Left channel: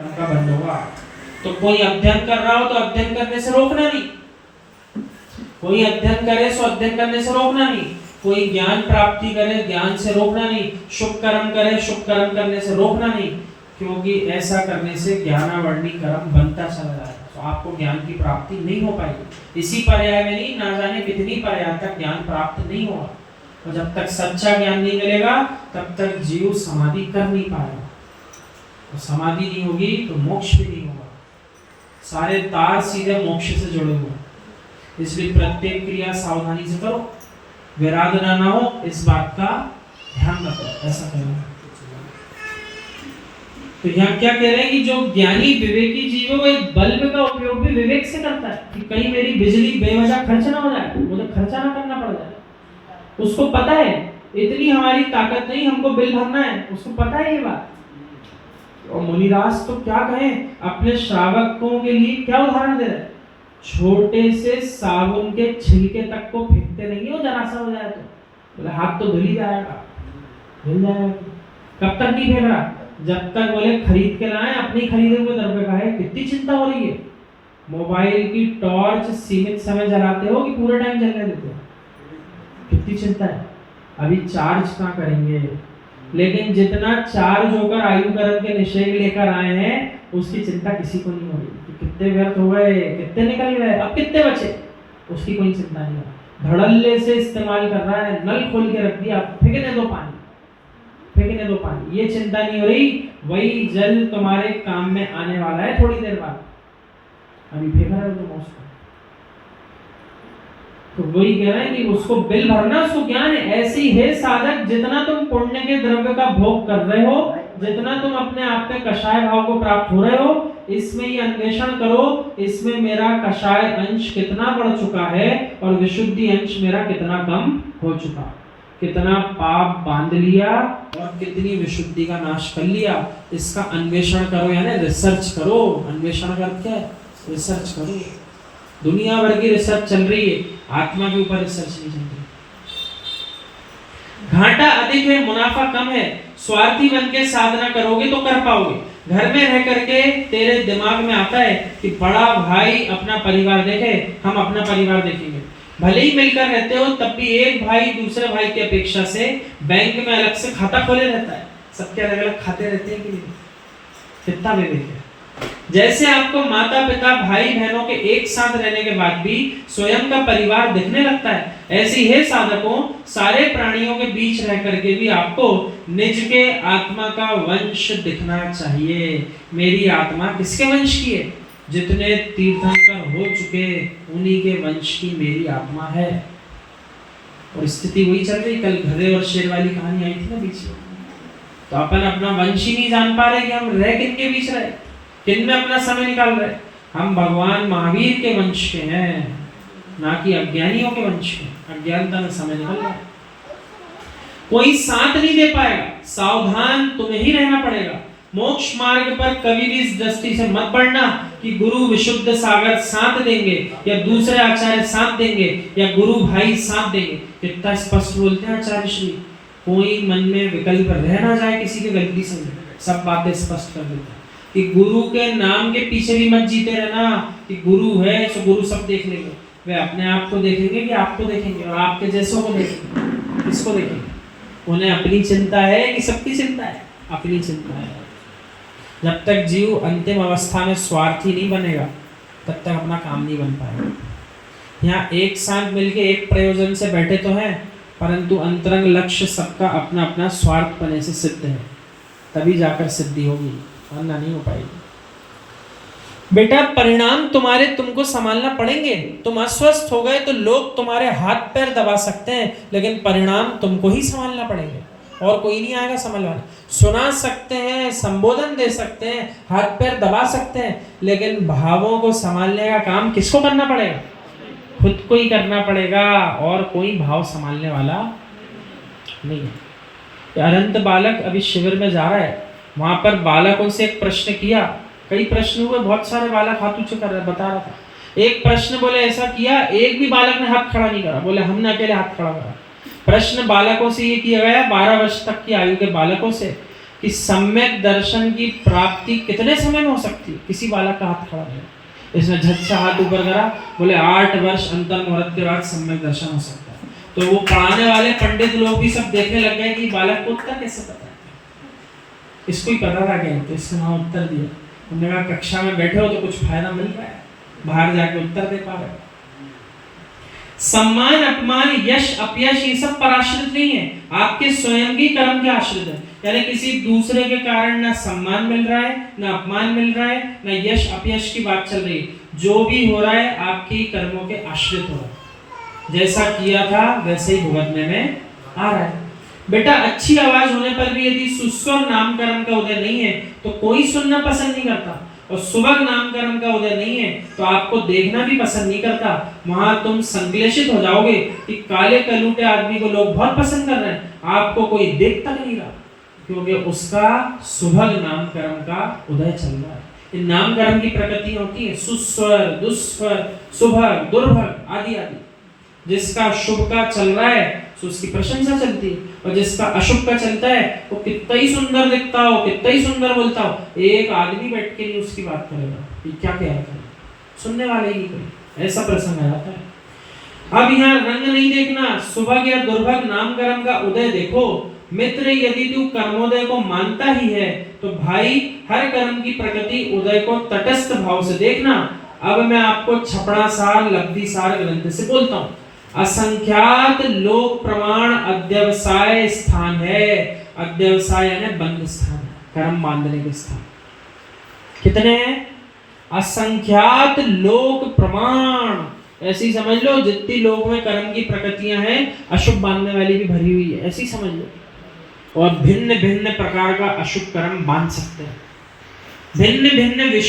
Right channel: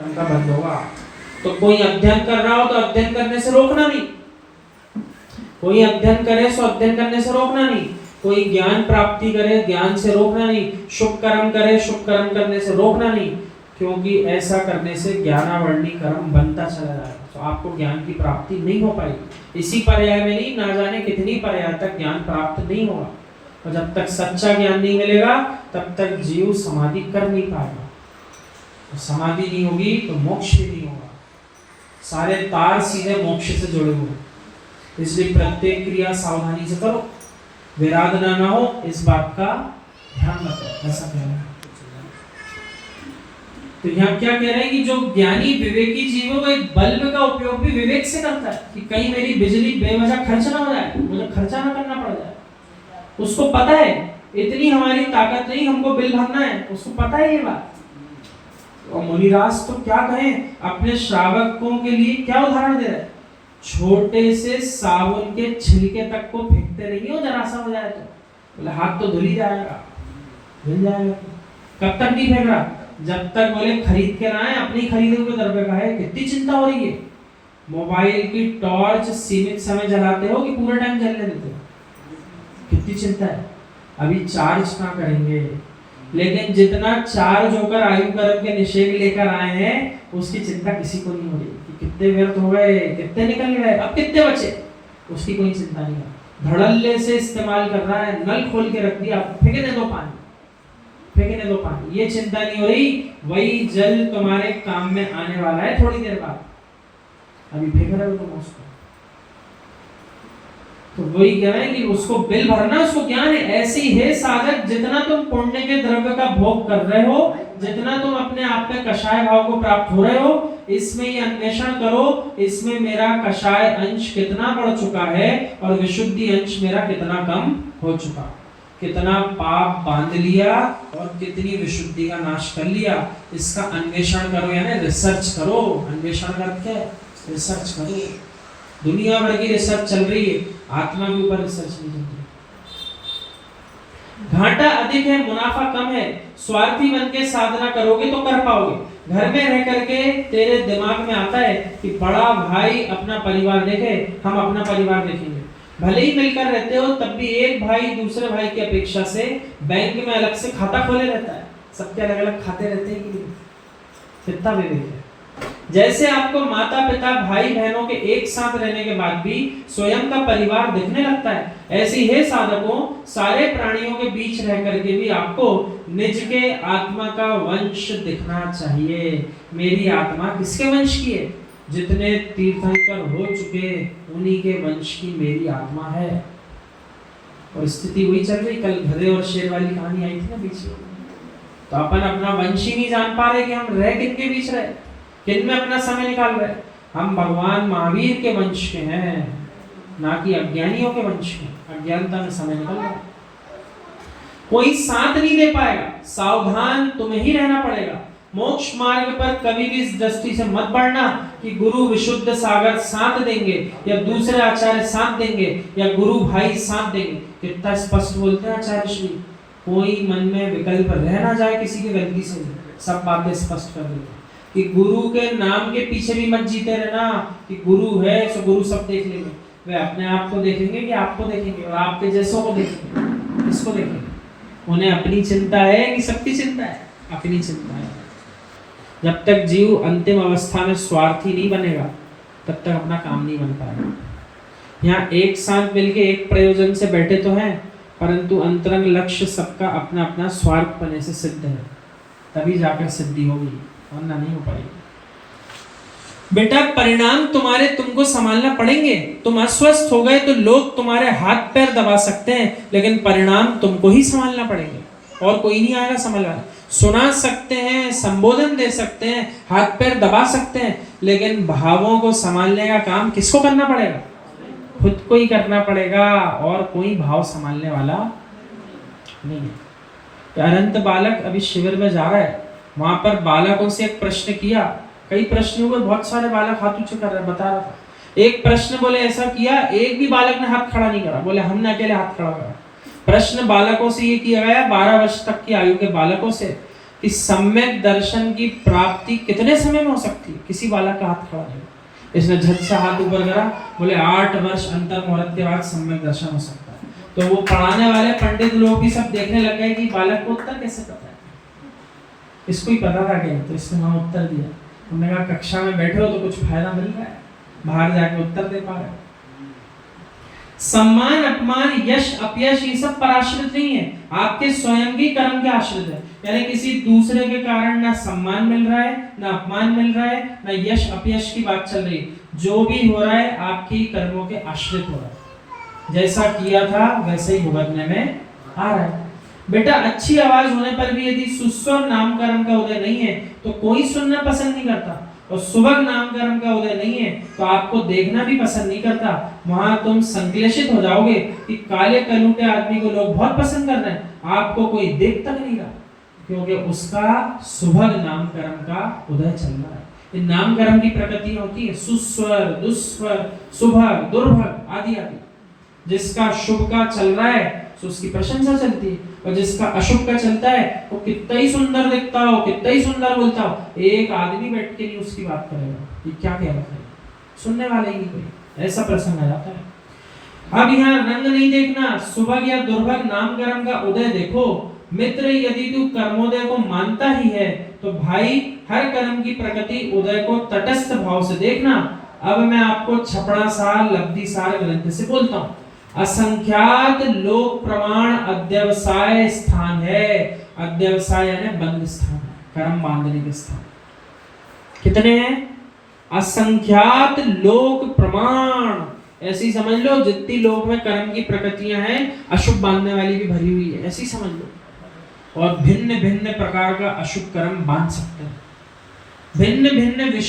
का बंद होगा। तो कोई अध्ययन कर रहा हो तो अध्ययन करने से रोकना नहीं, कोई अध्ययन करे सो अध्ययन करने से रोकना नहीं, कोई ज्ञान प्राप्ति करे ज्ञान से रोकना नहीं, शुभ कर्म करे शुभ कर्म करने से रोकना नहीं, क्योंकि ऐसा करने से ज्ञानावर्णी कर्म बनता चला जाएगा। तो आपको ज्ञान की प्राप्ति नहीं हो पाएगी। इसी पर्याय में नहीं, ना जाने कितनी पर्याय तक ज्ञान प्राप्त नहीं होगा। और जब तक सच्चा ज्ञान नहीं मिलेगा तब तक जीव समाधि कर नहीं पाएगा। तो समाधि नहीं होगी तो मोक्ष भी नहीं होगा। सारे तार सीधे मोक्ष से जुड़े हुए हैं, इसलिए प्रत्येक क्रिया सावधानी से करो, विराधना ना हो, इस बात का ध्यान रखो। ऐसा करना। तो यहाँ क्या कह रहे हैं कि जो ज्ञानी विवेकी जीव है वो एक बल्ब का उपयोग भी विवेक से करता है कि कहीं मेरी बिजली बेवजह खर्च ना हो जाए, मुझे खर्चा ना करना पड़ जाए। उसको पता है इतनी हमारी ताकत नहीं, हमको बिल भरना है, उसको पता है ये बात। और मुनिदास तो क्या कहें, अपने श्रावकों के लिए क्या उदाहरण दे रहे हैं, छोटे से साबुन के छिलके तक को फेंकते रहिए, वो जरा सा हो जाए तो बोले हाथ तो धुल ही जाएगा, धुल जाएगा। कब तक नहीं फेंक रहा, जब तक बोले खरीद के ना आए, अपनी खरीदे हुए दरबे का है। कितनी चिंता हो रही है। मोबाइल की टॉर्च सीमित समय जलाते हो कि पूरे टाइम जलने देते हो, कितनी चिंता है। अभी चार्ज ना करेंगे, लेकिन जितना चार्ज होकर आयु कर्म के निषेध लेकर आए हैं उसकी चिंता किसी को नहीं हो रही कि कितने व्यर्थ हो गए, कितने निकल गए, अब कितने बचे, उसकी कोई चिंता नहीं है। धड़ल्ले से इस्तेमाल कर रहा है, नल खोल के रख दिया, फेंकने दो पानी, फेंकने दो पानी, ये चिंता नहीं हो रही। वही जल तुम्हारे काम में आने वाला है थोड़ी देर बाद, अभी फेंक रहे हो तुम उसको। तो वही कह रहा है कि उसको बिल भरना, उसको ज्ञान है। ऐसी है साधक, जितना तुम पुण्य के द्रव्य का भोग कर रहे हो, जितना तुम अपने आप में कषाय भाव को प्राप्त हो रहे हो, इसमें ये अन्वेषण करो, इसमें मेरा कषाय अंश कितना बढ़ चुका है और विशुद्धि अंश मेरा कितना कम हो चुका, कितना पाप बांध लिया और कितनी विशुद्धि का नाश कर लिया। इसका अन्वेषण करो, यानी रिसर्च करो। अन्वेषण करके रिसर्च करो। दुनिया भर की रिसर्च चल रही है, आत्मा के ऊपर रिसर्च नहीं चल रही। घाटा अधिक है, मुनाफा कम है। स्वार्थी बन के साधना करोगे तो कर पाओगे। घर में रह करके तेरे दिमाग में आता है कि बड़ा भाई अपना परिवार देखे, हम अपना परिवार देखेंगे। भले ही मिलकर रहते हो तब भी एक भाई दूसरे भाई की अपेक्षा से बैंक में अलग से खाता खोले रहता है, सबके अलग अलग खाते रहते हैं कि नहीं, कितना विवेक है। जैसे आपको माता पिता भाई बहनों के एक साथ रहने के बाद भी स्वयं का परिवार दिखने लगता है, ऐसी है साधकों, सारे प्राणियों के बीच रह करके भी आपको निज के आत्मा का वंश दिखना चाहिए। मेरी आत्मा किसके वंश की है, जितने तीर्थंकर हो चुके उन्हीं के वंश की मेरी आत्मा है। और स्थिति वही चल रही। कल गधे और शेर वाली कहानी आई थी ना बीच में, तो अपन अपना वंश ही नहीं जान पा रहे कि हम रह किनके बीच रहे, किन में अपना समय निकाल रहे। हम भगवान महावीर के वंश के हैं, ना कि अज्ञानियों के वंश के। अज्ञानता में समय निकल रहा है, कोई साथ नहीं दे पाएगा, सावधान तुम्हें ही रहना पड़ेगा। मोक्ष मार्ग पर कभी भी इस दृष्टि से मत बढ़ना कि गुरु विशुद्ध सागर साथ देंगे या दूसरे आचार्य साथ देंगे या गुरु भाई साथ देंगे। कितना स्पष्ट बोलते हैं आचार्य श्री, कोई मन में विकल्प रह ना जाए किसी की गलती से, सब बातें स्पष्ट कर देते हैं कि गुरु के नाम के पीछे भी मत जीते रहना कि गुरु है तो गुरु सब देख लेंगे। वे अपने आप को देखेंगे कि आपको देखेंगे, और आपके जैसों को देखेंगे, किसको देखेंगे। उन्हें अपनी चिंता है कि सबकी चिंता है, अपनी चिंता है। जब तक जीव अंतिम अवस्था में स्वार्थी नहीं बनेगा तब तक अपना काम नहीं बन पाएगा। यहाँ एक साथ मिलके एक प्रयोजन से बैठे तो हैं, परंतु अंतरंग लक्ष्य सबका अपना अपना स्वार्थ बने से सिद्ध है, तभी जाकर सिद्धि होगी, वरना नहीं हो पाएगी। बेटा परिणाम तुम्हारे तुमको संभालना पड़ेंगे। तुम अस्वस्थ हो गए तो लोग तुम्हारे हाथ पैर दबा सकते हैं, लेकिन परिणाम तुमको ही संभालना पड़ेंगे, और कोई नहीं आएगा संभालने। सुना सकते हैं, संबोधन दे सकते हैं, हाथ पैर दबा सकते हैं, लेकिन भावों को संभालने का काम किसको करना पड़ेगा, खुद को ही करना पड़ेगा, और कोई भाव संभालने वाला नहीं है। अनंत बालक अभी शिविर में जा रहा है, वहां पर बालकों से एक प्रश्न किया, कई प्रश्न हुए, बहुत सारे बालक हाथ ऊंचे कर रहे, बता रहा था। एक प्रश्न बोले ऐसा किया, एक भी बालक ने हाथ खड़ा नहीं करा, बोले हमने अकेले हाथ खड़ा करा। प्रश्न बालकों से ये किया गया, 12 वर्ष तक की आयु के बालकों से, कि सम्यक दर्शन की प्राप्ति कितने समय में हो सकती है। किसी बालक का हाथ खड़ा है, इसने झट से हाथ ऊपर करा, बोले 8 वर्ष अंतर मुहूर्त के बाद सम्यक दर्शन हो सकता है। तो वो पढ़ाने वाले पंडित लोग भी सब देखने लग गए कि बालक को उत्तर कैसे पता है, इसको ही पता था क्या, तो इसने वहां उत्तर दिया। हमने कहा कक्षा में बैठे हो तो कुछ फायदा मिल रहा है, बाहर जाके उत्तर दे पा रहे हो। सम्मान अपमान यश अपयश ये सब पर आश्रित नहीं है, आपके स्वयं की कर्म के आश्रित है। यानी किसी दूसरे के कारण ना सम्मान मिल रहा है, ना अपमान मिल रहा है, ना यश अपयश की बात चल रही है। जो भी हो रहा है आपके ही कर्मों के आश्रित हो रहा है। जैसा किया था वैसे ही भुगतने में आ रहा है। बेटा अच्छी आवाज होने पर भी यदि सुस्वर नामकरण का उदय नहीं है तो कोई सुनना पसंद नहीं करता, और सुभग नामकरण का उदय नहीं है तो आपको देखना भी पसंद नहीं करता। वहां तुम संश्लेषित हो जाओगे कि काले कलूटे आदमी को लोग बहुत पसंद कर रहे हैं, आपको कोई देख तक नहीं रहा, क्योंकि उसका सुभग नामकरण का उदय चल रहा है। इन नामकरण की प्रकृति होती है सुस्वर, दुस्वर, सुभग, दुर्भग आदि आदि। जिसका शुभ का चल रहा है तो उसकी प्रशंसा चलती है, और जिसका अशुभ का चलता है वो कितना ही सुंदर दिखता हो, कितना ही सुंदर बोलता हो, एक आदमी बैठ के नहीं उसकी बात करेगा, ये क्या कह रहा था, सुनने वाले ही कोई, ऐसा प्रसंग आ जाता है। अब यहाँ रंग नहीं देखना, सुभग या दुर्भग नामकरण का उदय देखो। मित्र यदि तू कर्मोदय को मानता ही है तो भाई हर कर्म की प्रकृति उदय को तटस्थ भाव से देखना। अब मैं आपको छपड़ासार लब्धिसार ग्रंथ से बोलता हूँ। असंख्यात लोक प्रमाण अध्यवसाय स्थान है। अध्यवसाय यानी बंद स्थान, कर्म बांधने के स्थान कितने हैं? असंख्यात लोक प्रमाण, ऐसी समझ लो जितनी लोग में कर्म की प्रकृतियां हैं अशुभ बांधने वाली भी भरी हुई है, ऐसी समझ लो। और भिन्न भिन्न प्रकार का अशुभ कर्म बांध सकते हैं, भिन्न भिन्न विषय